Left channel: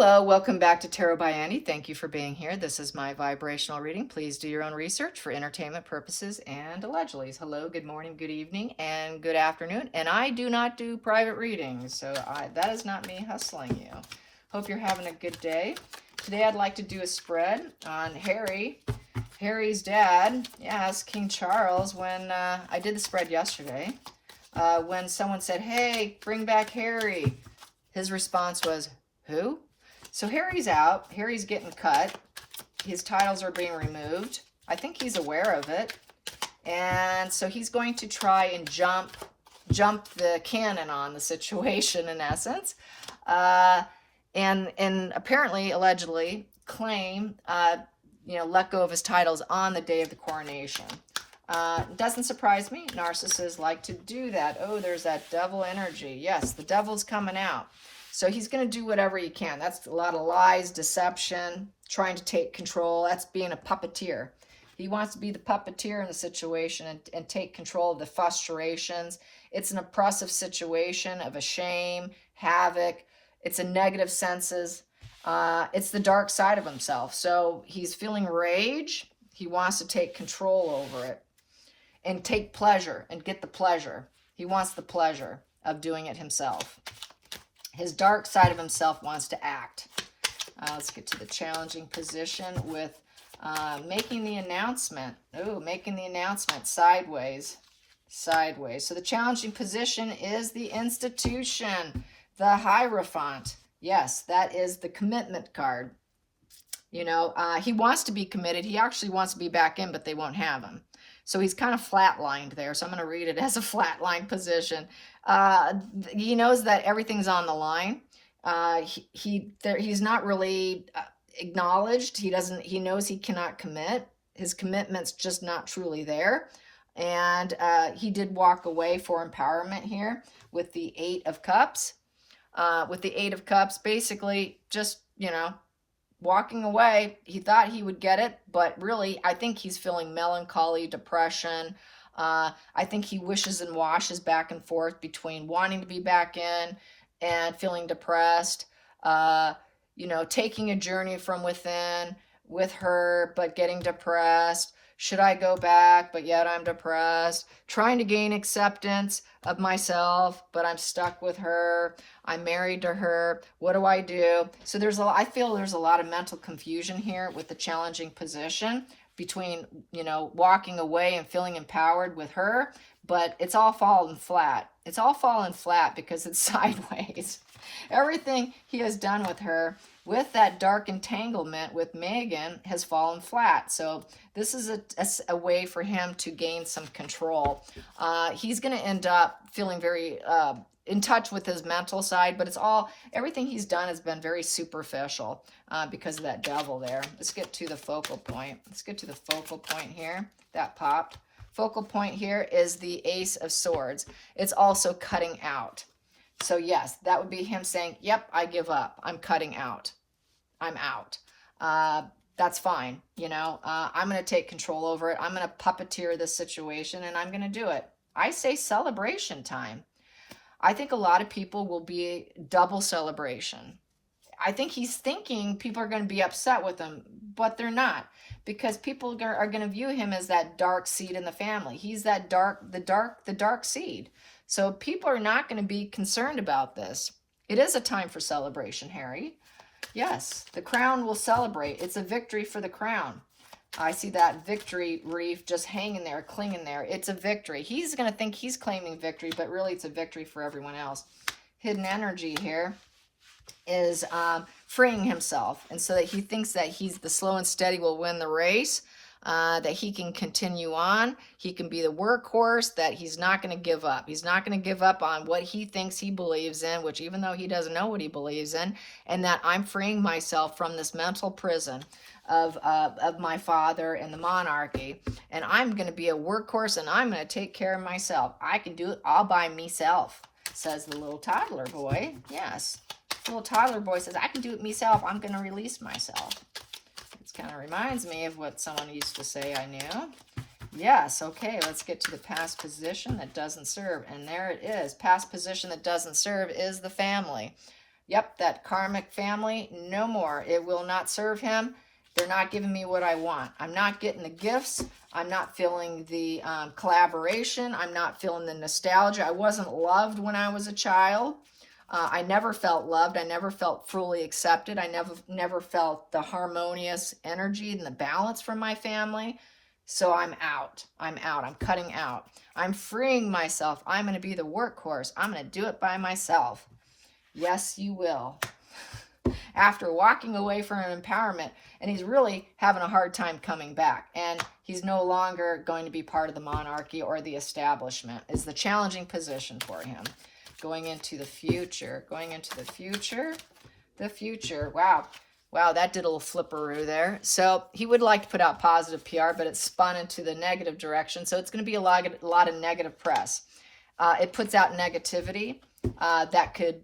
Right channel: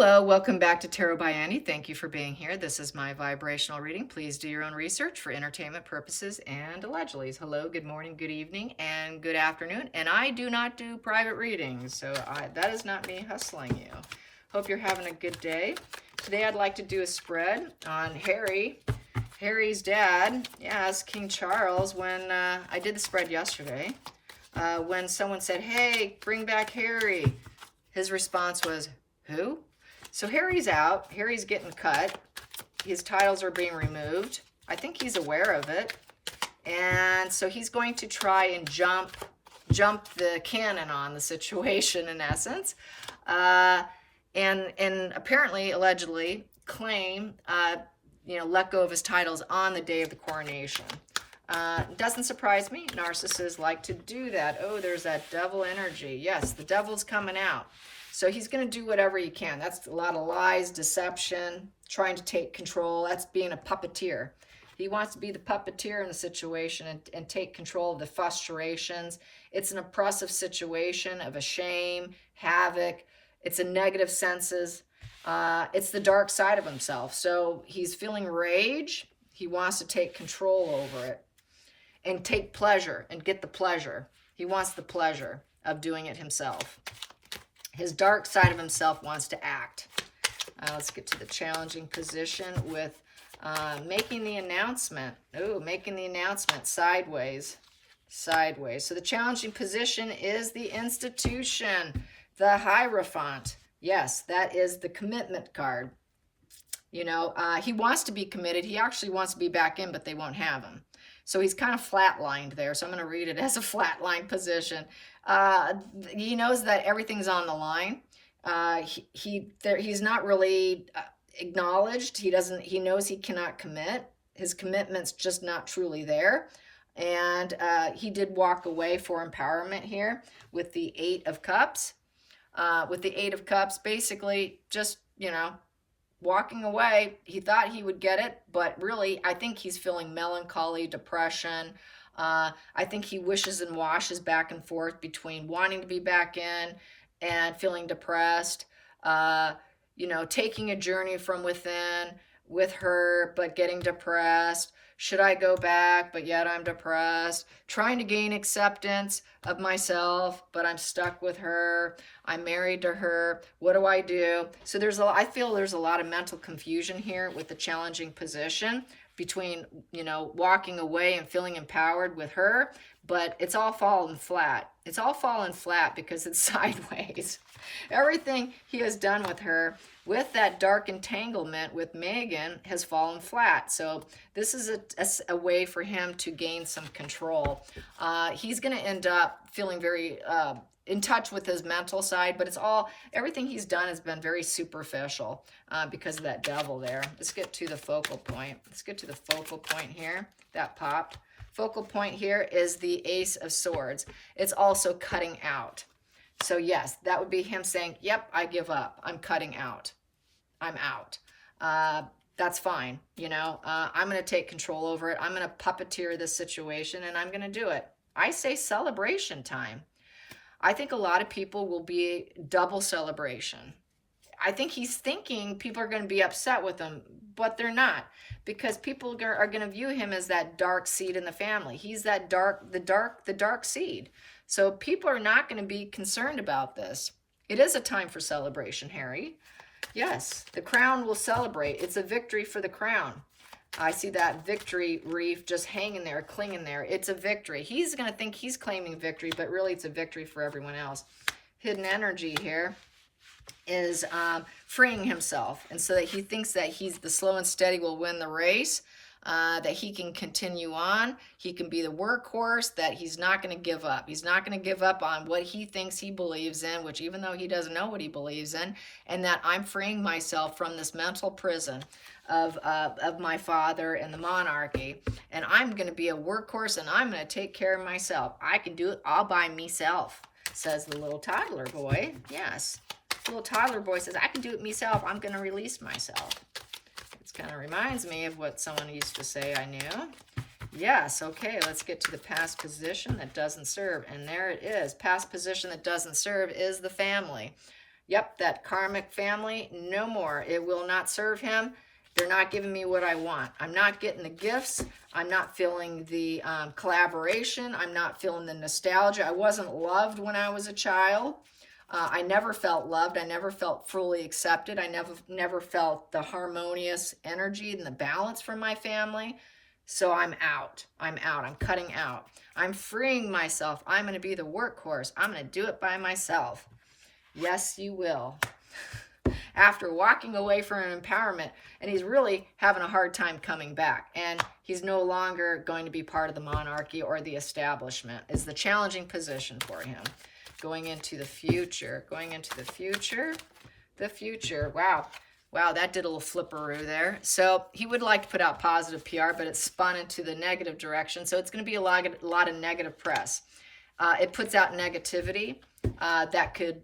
Hello, welcome back to Tarot by Andy. Thank you for being here. This is my vibrational reading. Please do your own research for entertainment purposes and allegedly. Hello, good morning, good evening, and good afternoon. And I do not do private readings, so that is not me hustling you. Hope you're having a good day. Today I'd like to do a spread on Harry's dad. Yes, King Charles. When I did the spread yesterday, when someone said, "Hey, bring back Harry," his response was, "Who?" So Harry's out. Harry's getting cut. His titles are being removed. I think he's aware of it. And so he's going to try and jump the cannon on the situation, in essence. And apparently, allegedly, claim, let go of his titles on the day of the coronation. It doesn't surprise me. Narcissists like to do that. Oh, there's that devil energy. Yes, the devil's coming out. So he's going to do whatever he can. That's a lot of lies, deception, trying to take control. That's being a puppeteer. He wants to be the puppeteer in the situation and take control of the frustrations. It's an oppressive situation of a shame, havoc. It's a negative senses. It's the dark side of himself. So he's feeling rage. He wants to take control over it and take pleasure and get the pleasure. He wants the pleasure of doing it himself. His dark side of himself wants to act. Let's get to the challenging position with making the announcement. Oh, making the announcement sideways. Sideways. So the challenging position is the institution, the Hierophant. Yes, that is the commitment card. You know, he wants to be committed. He actually wants to be back in, but they won't have him. So he's kind of flatlined there. So I'm going to read it as a flatline position. He knows that everything's on the line. He's not really acknowledged. He knows he cannot commit. His commitment's just not truly there. And he did walk away for empowerment here with the Eight of Cups. With the Eight of Cups, basically just, walking away. He thought he would get it, but really, I think he's feeling melancholy, depression. I think he wishes and washes back and forth between wanting to be back in and feeling depressed. Taking a journey from within with her, but getting depressed. Should I go back, but yet I'm depressed? Trying to gain acceptance of myself, but I'm stuck with her. I'm married to her. What do I do? So I feel there's a lot of mental confusion here with the challenging position between, walking away and feeling empowered with her, but it's all fallen flat. It's all fallen flat because it's sideways. Everything he has done with her, with that dark entanglement with Megan, has fallen flat. So this is a way for him to gain some control. He's going to end up feeling very in touch with his mental side, but everything he's done has been very superficial because of that devil there. Let's get to the focal point. Let's get to the focal point here. That popped. Focal point here is the Ace of Swords. It's also cutting out. So yes, that would be him saying, yep, I give up. I'm cutting out. I'm out. That's fine. I'm going to take control over it. I'm going to puppeteer this situation and I'm going to do it. I say celebration time. I think a lot of people will be double celebration. I think he's thinking people are going to be upset with him, but they're not, because people are going to view him as that dark seed in the family. He's that the dark seed. So people are not going to be concerned about this. It is a time for celebration, Harry. Yes, the crown will celebrate. It's a victory for the crown. I see that victory wreath just hanging there, clinging there. It's a victory. He's going to think he's claiming victory, but really it's a victory for everyone else. Hidden energy here is freeing himself. And so that he thinks that the slow and steady will win the race. That he can continue on. He can be the workhorse, that he's not going to give up. He's not going to give up on what he thinks he believes in, which even though he doesn't know what he believes in, and that I'm freeing myself from this mental prison of my father and the monarchy, and I'm going to be a workhorse, and I'm going to take care of myself. I can do it all by myself, says the little toddler boy. Yes, the little toddler boy says, I can do it myself. I'm going to release myself. Kind of reminds me of what someone used to say I knew. Yes, okay, let's get to the past position that doesn't serve. And there it is. Past position that doesn't serve is the family. Yep, that karmic family, no more. It will not serve him. They're not giving me what I want. I'm not getting the gifts. I'm not feeling the collaboration. I'm not feeling the nostalgia. I wasn't loved when I was a child. I never felt loved. I never felt fully accepted. I never felt the harmonious energy and the balance from my family. So I'm out. I'm out. I'm cutting out. I'm freeing myself. I'm going to be the workhorse. I'm going to do it by myself. Yes, you will. After walking away from empowerment, and he's really having a hard time coming back, and he's no longer going to be part of the monarchy or the establishment. Is the challenging position for him. Going into the future, the future. Wow, that did a little flipperoo there. So he would like to put out positive PR, but it's spun into the negative direction. So it's going to be a lot of negative press. It puts out negativity that could,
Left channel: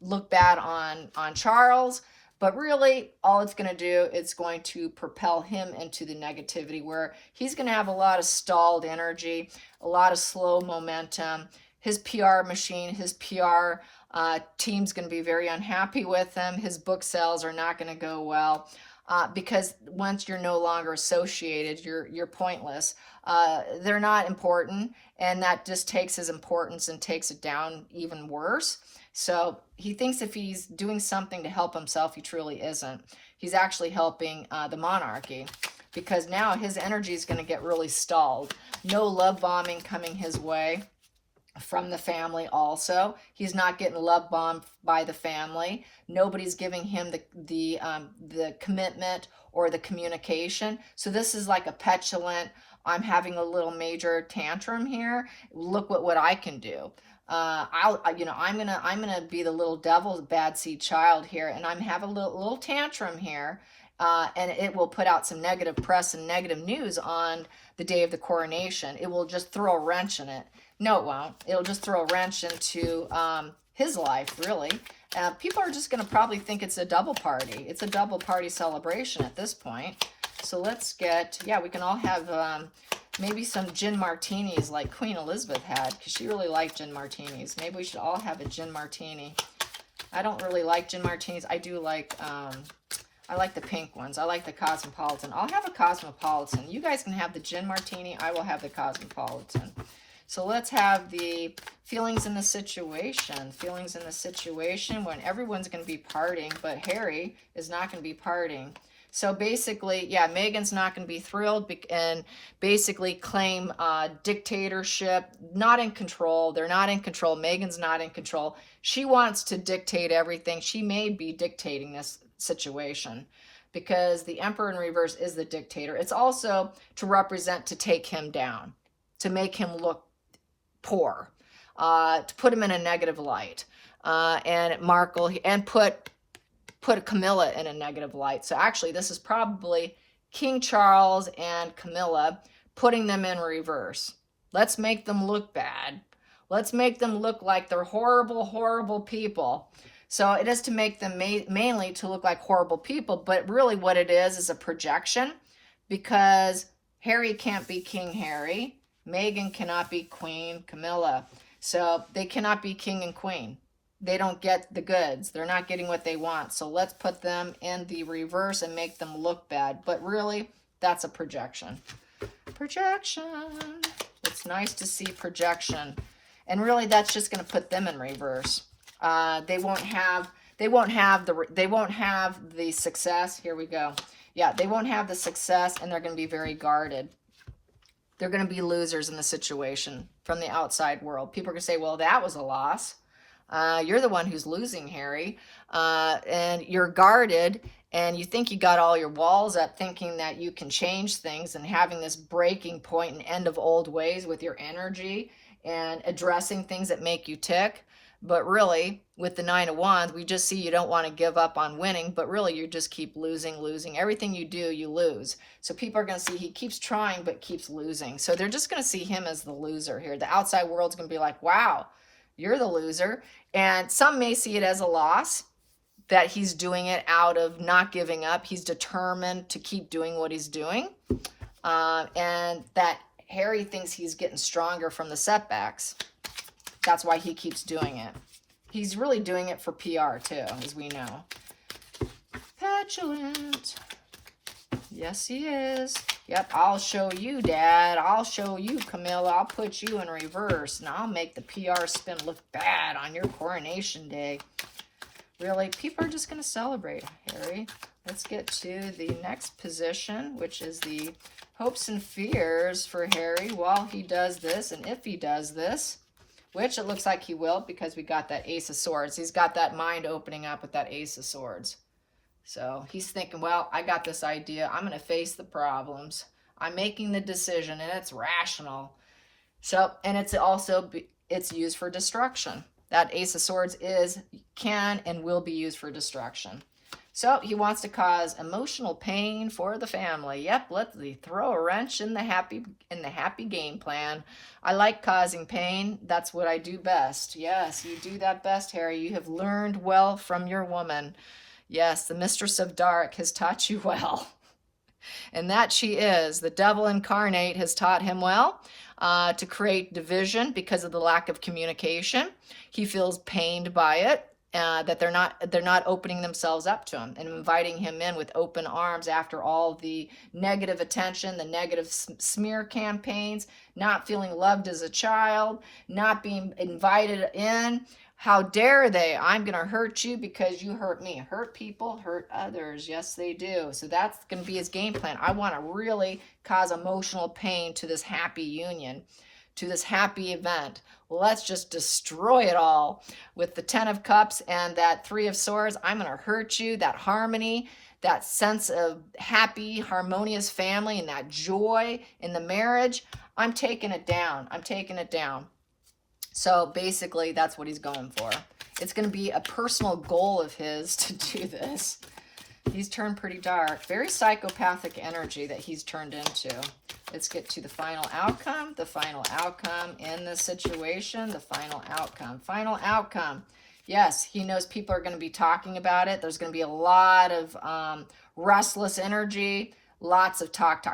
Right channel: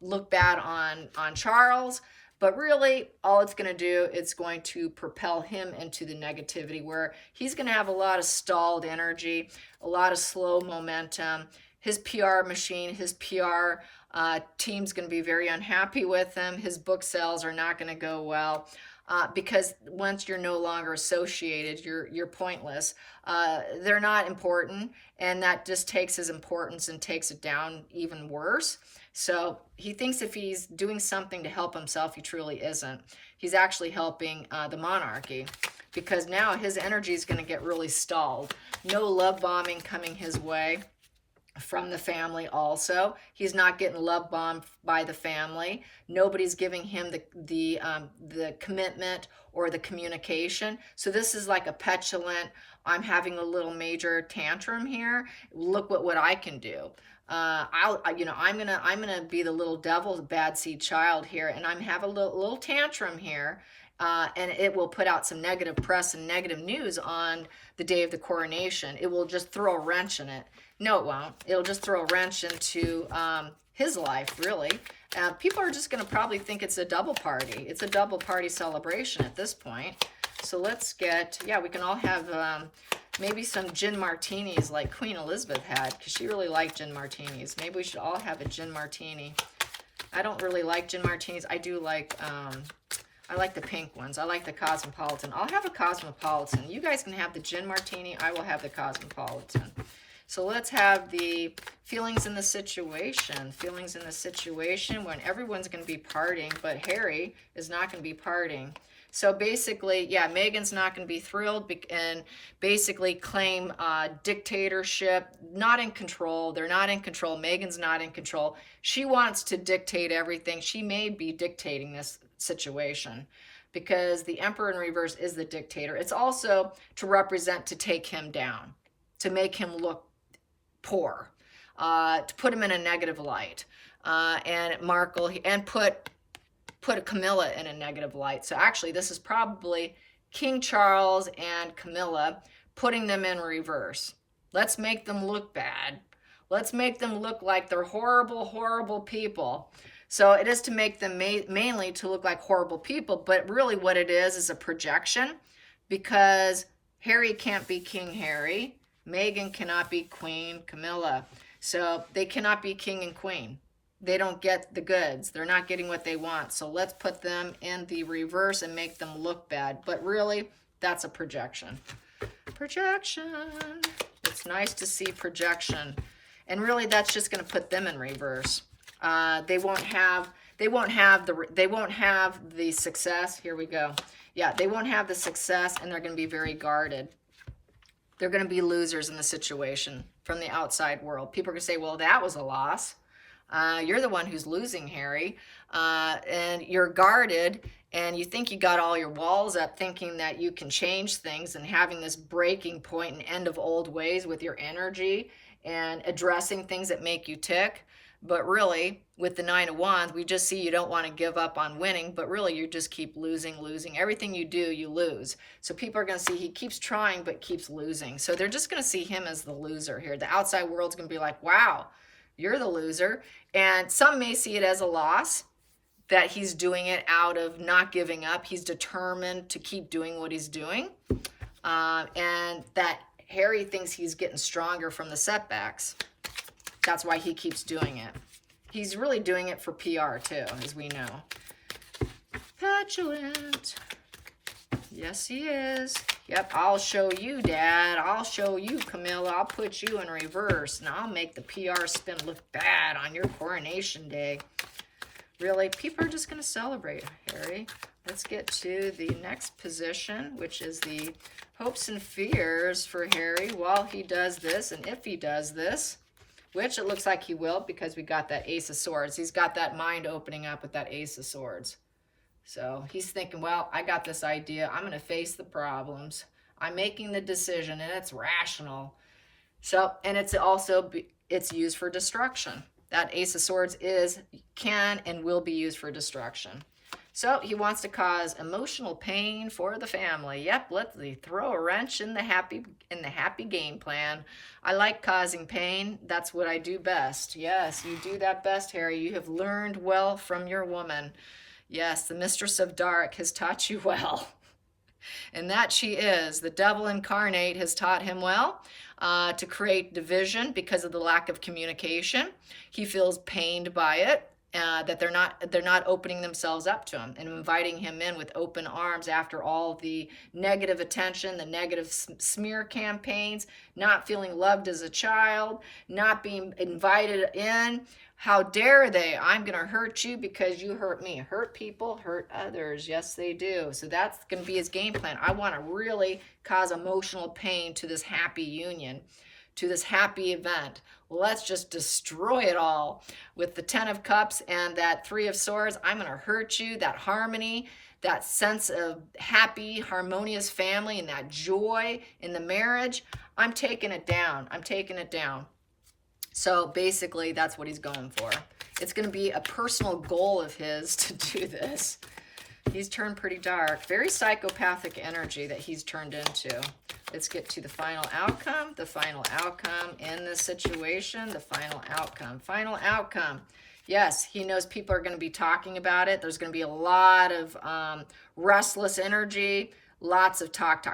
look bad on Charles. But really, all it's going to do, it's going to propel him into the negativity where he's going to have a lot of stalled energy, a lot of slow momentum. His PR machine, his PR team's going to be very unhappy with him. His book sales are not going to go well because once you're no longer associated, you're pointless. They're not important, and that just takes his importance and takes it down even worse. So he thinks if he's doing something to help himself, he truly isn't. He's actually helping the monarchy because now his energy is going to get really stalled. No love bombing coming his way from the family also. He's not getting love bombed by the family. Nobody's giving him the commitment or the communication. So this is like a petulant, I'm having a little major tantrum here. Look what I can do. I'm gonna be the little devil, the bad seed child here, and I'm having a little tantrum here, and it will put out some negative press and negative news on the day of the coronation. It will just throw a wrench in it. No, it won't. It'll just throw a wrench into his life, really. People are just gonna probably think it's a double party. It's a double party celebration at this point. So let's get, we can all have maybe some gin martinis like Queen Elizabeth had, because she really liked gin martinis. Maybe we should all have a gin martini. I don't really like gin martinis. I do like, I like the pink ones. I like the Cosmopolitan. I'll have a Cosmopolitan. You guys can have the gin martini. I will have the Cosmopolitan. So let's have the feelings in the situation. Feelings in the situation when everyone's going to be partying, but Harry is not going to be partying. So basically, Meghan's not going to be thrilled and basically claim dictatorship, not in control. They're not in control. Meghan's not in control. She wants to dictate everything. She may be dictating this situation because the Emperor in reverse is the dictator. It's also to represent, to take him down, to make him look poor, to put him in a negative light, and Markle, and put Camilla in a negative light. So actually, this is probably King Charles and Camilla putting them in reverse. Let's make them look bad. Let's make them look like they're horrible, horrible people. So it is to make them mainly to look like horrible people, but really what it is a projection, because Harry can't be King Harry. Meghan cannot be Queen Camilla. So they cannot be king and queen. They don't get the goods. They're not getting what they want. So let's put them in the reverse and make them look bad. But really, that's a projection. Projection. It's nice to see projection. And really, that's just going to put them in reverse. They won't have the success. Here we go. Yeah, they won't have the success, and they're going to be very guarded. They're going to be losers in the situation from the outside world. People are going to say, well, that was a loss. You're the one who's losing, Harry. And you're guarded, and you think you got all your walls up thinking that you can change things and having this breaking point and end of old ways with your energy and addressing things that make you tick. But really, with the Nine of Wands, we just see you don't want to give up on winning, but really you just keep losing. Everything you do, you lose. So people are going to see he keeps trying, but keeps losing. So they're just going to see him as the loser here. The outside world's going to be like, wow, you're the loser. And some may see it as a loss, that he's doing it out of not giving up. He's determined to keep doing what he's doing. And that Harry thinks he's getting stronger from the setbacks. That's why he keeps doing it. He's really doing it for PR too, as we know. Petulant. Yes, he is. Yep, I'll show you, Dad. I'll show you, Camilla. I'll put you in reverse, and I'll make the PR spin look bad on your coronation day. Really, people are just going to celebrate, Harry. Let's get to the next position, which is the hopes and fears for Harry while he does this, and if he does this, which it looks like he will because we got that Ace of Swords. He's got that mind opening up with that Ace of Swords. So he's thinking, well, I got this idea. I'm going to face the problems. I'm making the decision, and it's rational. So, and it's also, it's used for destruction. That Ace of Swords can and will be used for destruction. So he wants to cause emotional pain for the family. Yep, let's throw a wrench in the happy game plan. I like causing pain. That's what I do best. Yes, you do that best, Harry. You have learned well from your woman. Yes, the Mistress of Dark has taught you well. And that she is. The devil incarnate has taught him well to create division because of the lack of communication. He feels pained by it. That they're not opening themselves up to him and inviting him in with open arms after all the negative attention, the negative smear campaigns, not feeling loved as a child, not being invited in. How dare they? I'm going to hurt you because you hurt me. Hurt people, hurt others. Yes, they do. So that's going to be his game plan. I want to really cause emotional pain to this happy union, to this happy event. Let's just destroy it all with the 10 of Cups and that 3 of Swords. I'm going to hurt you. That harmony, that sense of happy, harmonious family, and that joy in the marriage. I'm taking it down. I'm taking it down. So basically, that's what he's going for. It's going to be a personal goal of his to do this. He's turned pretty dark. Very psychopathic energy that he's turned into. Let's get to the final outcome. The final outcome in this situation. The final outcome. Final outcome. Yes, he knows people are going to be talking about it. There's going to be a lot of restless energy. Lots of talk.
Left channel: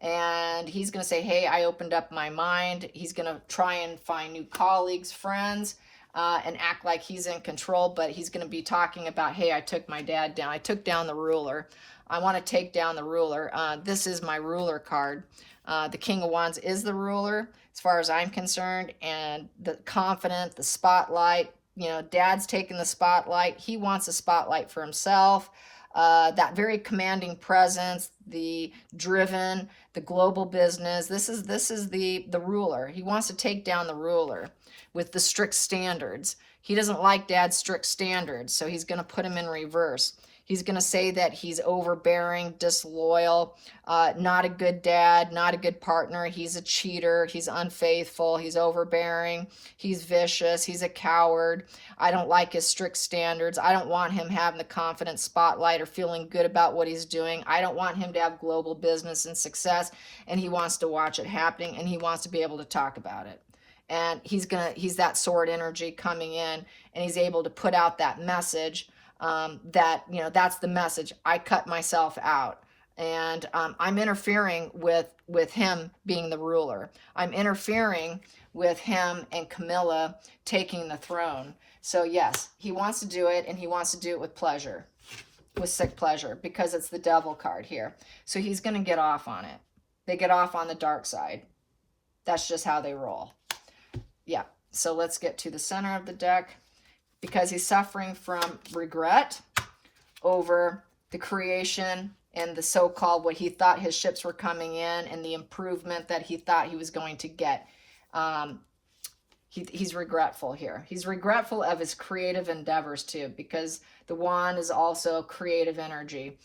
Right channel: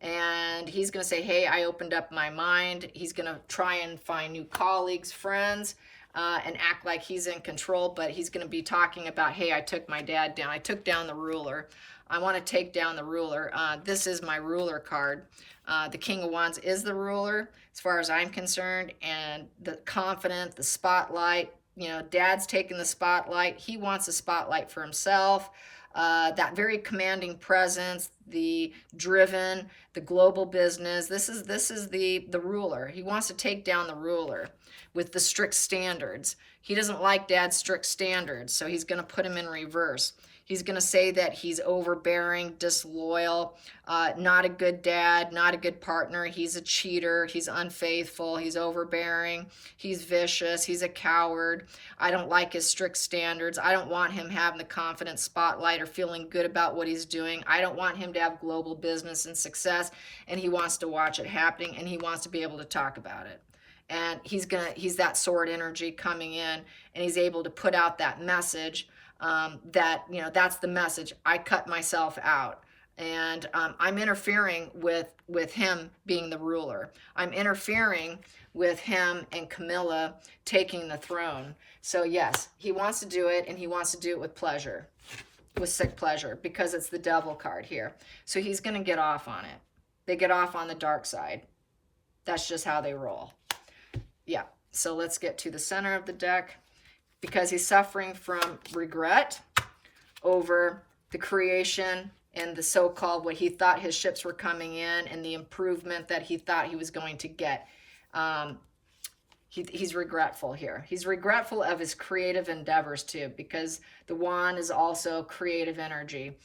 And he's going to say, hey, I opened up my mind. He's going to try and find new colleagues, friends, and act like he's in control. But he's going to be talking about, hey, I took my dad down. I took down the ruler. I want to take down the ruler. This is my ruler card. The King of Wands is the ruler, as far as I'm concerned. And the confident, the spotlight. You know, Dad's taking the spotlight. He wants a spotlight for himself. That very commanding presence, the driven, the global business. This is the ruler. He wants to take down the ruler with the strict standards. He doesn't like Dad's strict standards, so he's going to put him in reverse. He's going to say that he's overbearing, disloyal, not a good dad, not a good partner. He's a cheater. He's unfaithful. He's overbearing. He's vicious. He's a coward. I don't like his strict standards. I don't want him having the confident spotlight or feeling good about what he's doing. I don't want him to have global business and success, and he wants to watch it happening, and he wants to be able to talk about it. And he's that sword energy coming in, and he's able to put out that message. That, you know, that's the message. I cut myself out, and I'm interfering with him being the ruler. I'm interfering with him and Camilla taking the throne. So yes, he wants to do it, and he wants to do it with pleasure, with sick pleasure, because it's the devil card here. So he's going to get off on it. They get off on the dark side. That's just how they roll. Yeah. So let's get to the center of the deck. Because he's suffering from regret over the creation and the so-called what he thought his ships were coming in and the improvement that he thought he was going to get. He's regretful here. He's regretful of his creative endeavors too, because the wand is also creative energy.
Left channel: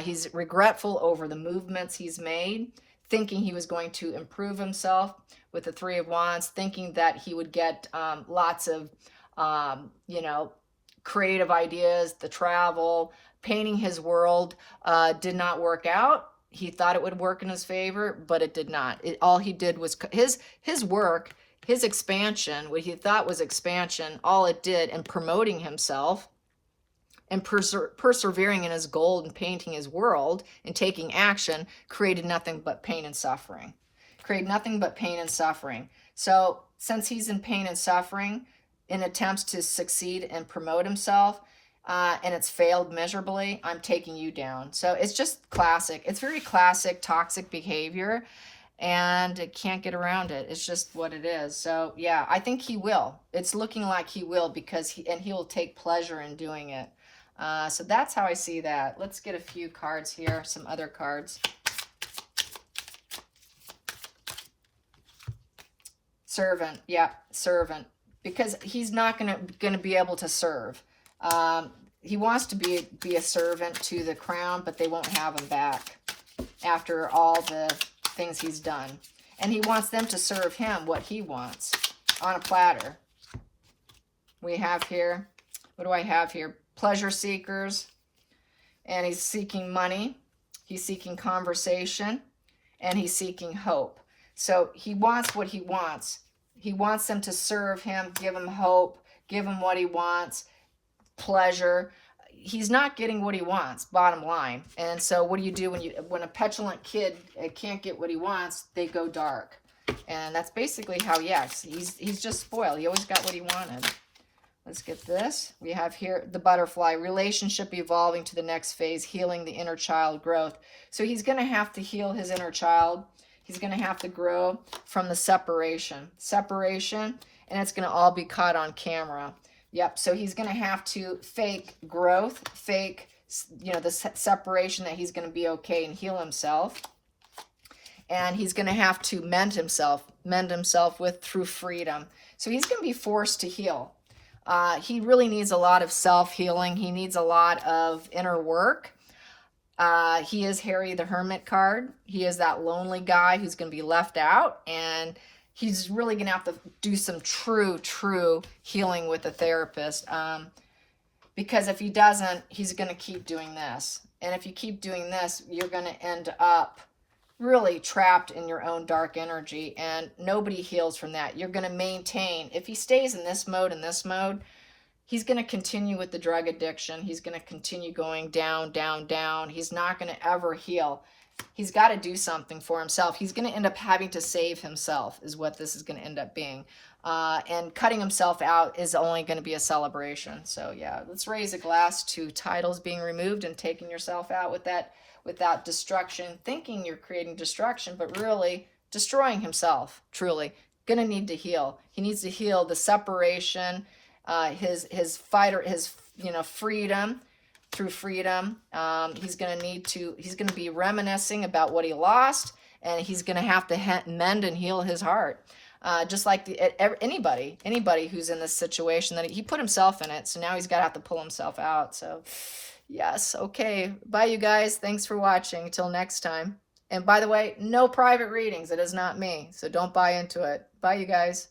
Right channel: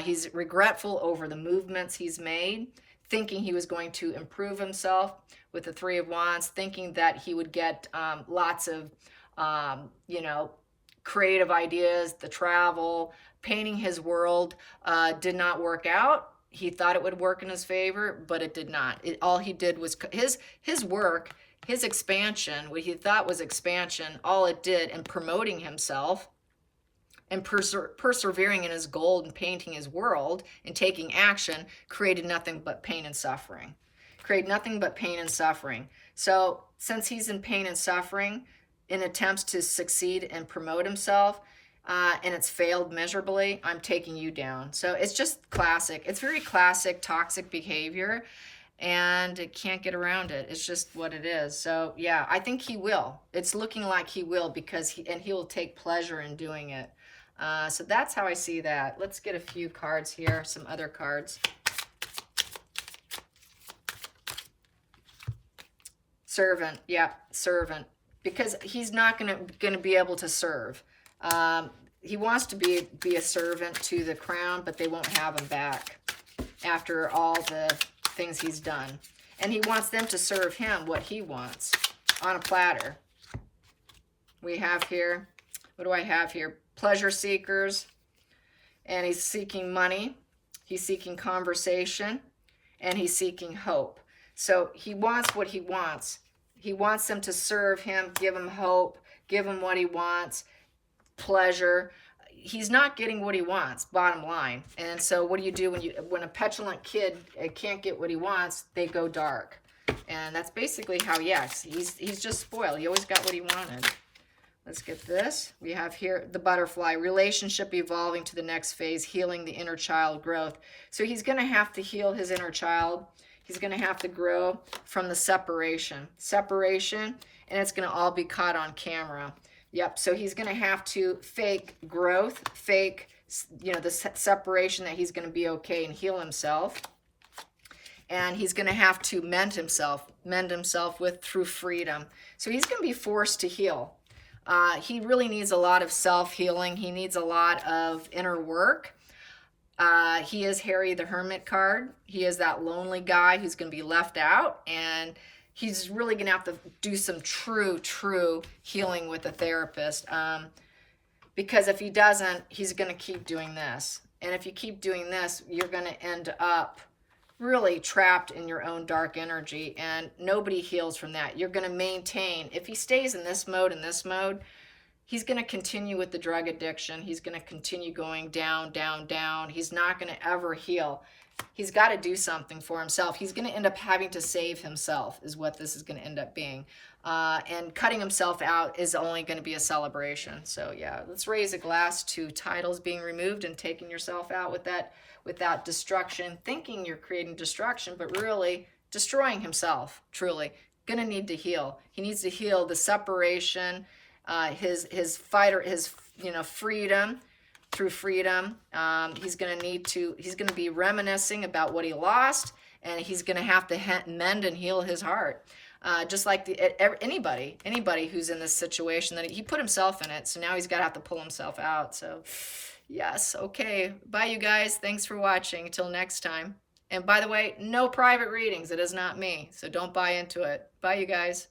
He's regretful over the movements he's made, thinking he was going to improve himself with the 3 of Wands, thinking that he would get lots of you know, creative ideas, the travel, painting his world did not work out. He thought it would work in his favor, but it did not. All he did was his work, his expansion, what he thought was expansion, all it did in promoting himself and persevering in his goal and painting his world and taking action created nothing but pain and suffering. Created nothing but pain and suffering. So since he's in pain and suffering, in attempts to succeed and promote himself, and it's failed miserably, I'm taking you down. So it's just classic. It's very classic toxic behavior, and it can't get around it. It's just what it is. So yeah, I think he will. It's looking like he will, because he will take pleasure in doing it. So that's how I see that. Let's get a few cards here, some other cards. Servant, yeah, servant, because he's not gonna be able to serve. He wants to be a servant to the crown, but they won't have him back after all the things he's done. And he wants them to serve him what he wants on a platter. We have here, what do I have here? Pleasure seekers, and he's seeking money, he's seeking conversation, and he's seeking hope. So he wants what he wants. He wants them to serve him, give him hope, give him what he wants, pleasure. He's not getting what he wants, bottom line. And so what do you do when a petulant kid can't get what he wants? They go dark. And that's basically how, yes, he's just spoiled. He always got what he wanted. Let's get this. We have here the butterfly, relationship evolving to the next phase, healing the inner child growth. So he's going to have to heal his inner child. He's going to have to grow from the separation, and it's going to all be caught on camera. Yep. So he's going to have to fake growth, fake, the separation, that he's going to be okay and heal himself. And he's going to have to mend himself through freedom. So he's going to be forced to heal. He really needs a lot of self-healing. He needs a lot of inner work. He is Harry the Hermit card. He is that lonely guy who's going to be left out, and he's really going to have to do some true healing with a therapist, because if he doesn't, he's going to keep doing this. And if you keep doing this, you're going to end up really trapped in your own dark energy, and nobody heals from that. You're going to maintain, if he stays in this mode, he's going to continue with the drug addiction. He's going to continue going down. He's not going to ever heal. He's got to do something for himself. He's going to end up having to save himself, is what this is going to end up being. And cutting himself out is only going to be a celebration. So yeah, let's raise a glass to titles being removed and taking yourself out without destruction, thinking you're creating destruction, but really destroying himself, truly. Going to need to heal. He needs to heal the separation, his freedom, through freedom. He's going to be reminiscing about what he lost, and he's going to have to mend and heal his heart. Just like anybody who's in this situation, that he put himself in it, so now he's got to have to pull himself out. So yes, okay. Bye, you guys. Thanks for watching. Until next time. And by the way, no private readings. It is not me, so don't buy into it. Bye, you guys.